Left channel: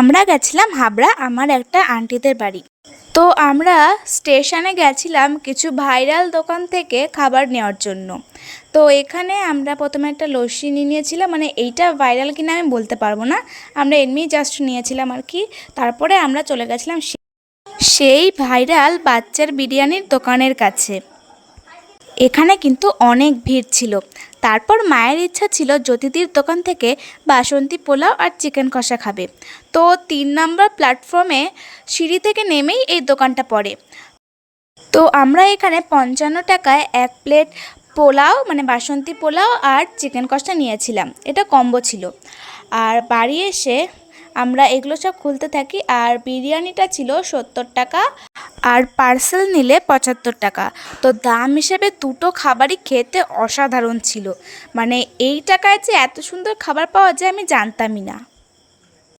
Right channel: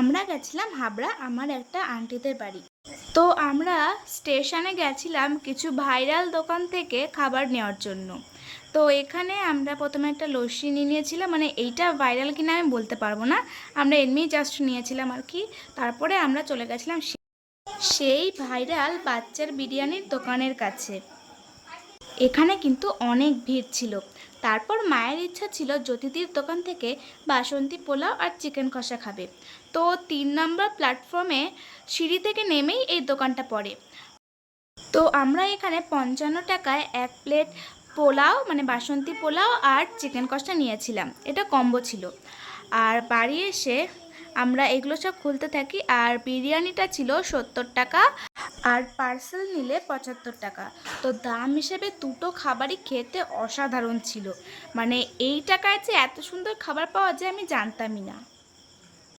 আমরা গেছিলাম হাবড়া আমার একটা আন্টিদের বাড়ি। তো আমরা স্টেশনে গেছিলাম কিছু ভাইরাল দোকান থেকে খাবার নেওয়ার জন্য। তো এখানে আমরা প্রথমে একটা লস্যি নিয়েছিলাম, মানে এইটা ভাইরাল কিনা আমি বলতে পারবো না, আমরা এমনি জাস্ট নিয়েছিলাম আর কি। তারপরে আমরা চলে গেছিলাম সেই ভাইরাল বাচ্চার বিরিয়ানির দোকানের কাছে। এখানে কিন্তু অনেক ভিড় ছিল। তারপর মায়ের ইচ্ছা ছিল জ্যোতিদির দোকান থেকে বাসন্তী পোলাও আর চিকেন কষা খাবে। তো 3 নম্বর প্ল্যাটফর্মে সিঁড়ি থেকে নেমেই এই দোকানটা পড়ে। তো আমরা এখানে 55 টাকায় 1 প্লেট পোলাও, মানে বাসন্তী পোলাও আর চিকেন কষা নিয়েছিলাম, এটা কম্বো ছিল। আর বাড়ি এসে আমরা এগুলো সব খুলতে থাকি। আর বিরিয়ানিটা ছিল 70 টাকা, আর পার্সেল নিলে 75 টাকা। তো দাম হিসেবে দুটো খাবারই খেতে অসাধারণ ছিল। মানে এই টাকায় যে এত সুন্দর খাবার পাওয়া যায় আমি জানতামই না।